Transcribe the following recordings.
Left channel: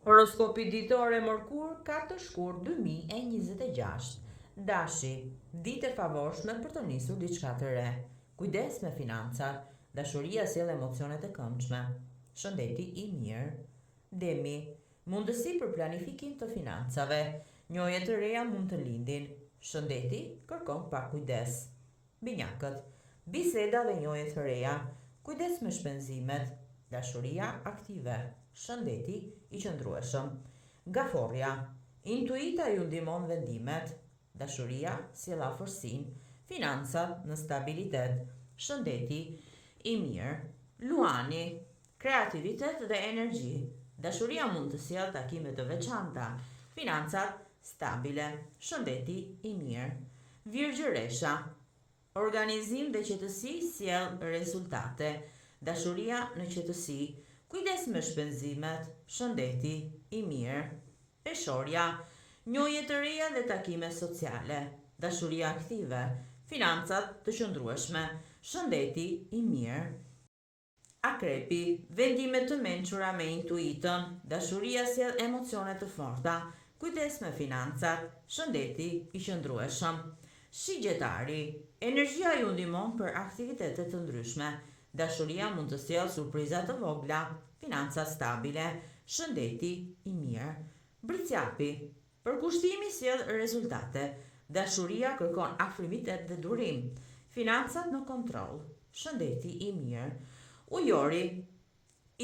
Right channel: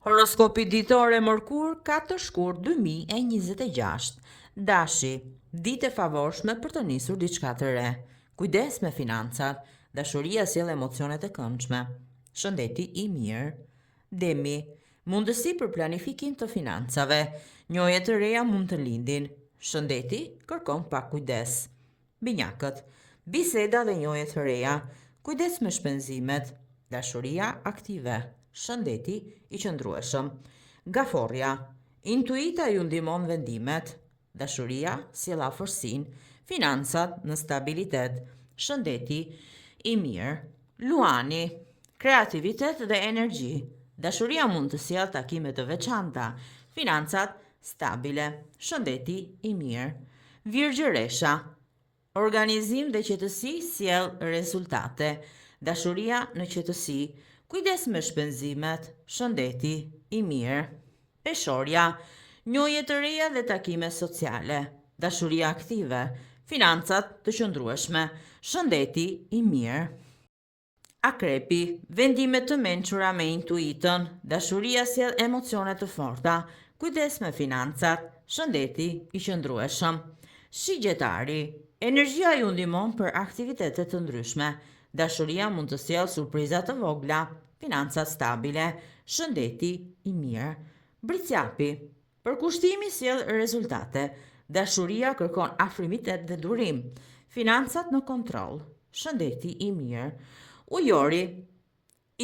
Horoskopi ditore Mërkur 4 shkurt 2026. Dashi, ditë e favorshme për të nisur diçka të re. Kujdes me financat, dashuria sjell emocione të këndshme. Shëndeti i mirë. Demi, mundësi për planifikim të financave. Njohje të reja mund të lindin. Shëndeti kërkon pak kujdes. Binjakët, biseda dhe njohje të reja. Kujdes me shpenzimet. Dashuria aktive. Shëndeti i qëndrueshëm. Gaforja, intuita ju ndihmon vendimet. Dashuria sjell afërsinë. Financat në stabilitet. Shëndeti i mirë. Luani, kreativitet dhe energji. Dashuria mund të sjellë takime të veçanta. Financat stabile. Shëndeti i mirë. Virgjëresha, organizim dhe qetësi sjell rezultate. Dashuria në qetësi. Kujdes me shpenzimet, shëndeti i mirë. Peshorja, njohje të reja dhe takime sociale. Dashuria aktive, financat të qëndrueshme, shëndeti i mirë. Akrepi, vendime të mençura me intuitën, dashuria sjell emocione të forta. Kujdes me financat, shëndeti i qëndrueshëm. Shigjetari, energjia ju ndihmon për aktivitete të ndryshme. Dashuria mund të sjellë surpriza të vogla, financat stabile, shëndeti i mirë. Bricjapi, përkushtimi sjell rezultate. Dashuria kërkon afrimitet dhe durim. Financat në kontroll, shëndeti i mirë. Ujori,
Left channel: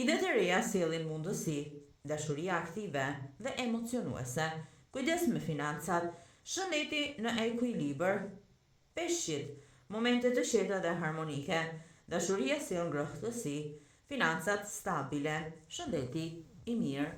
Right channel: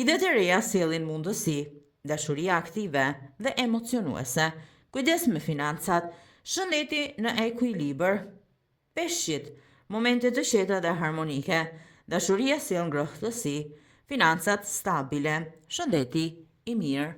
idet e reja sjellin mundësi. Dashuria aktive dhe emocionuese. Kujdes me financat, shëndeti në ekuilibër. Peshqit, momente të qeta dhe harmonike. Dashuria sjell ngrohtësi, financat stabile, shëndeti i mirë.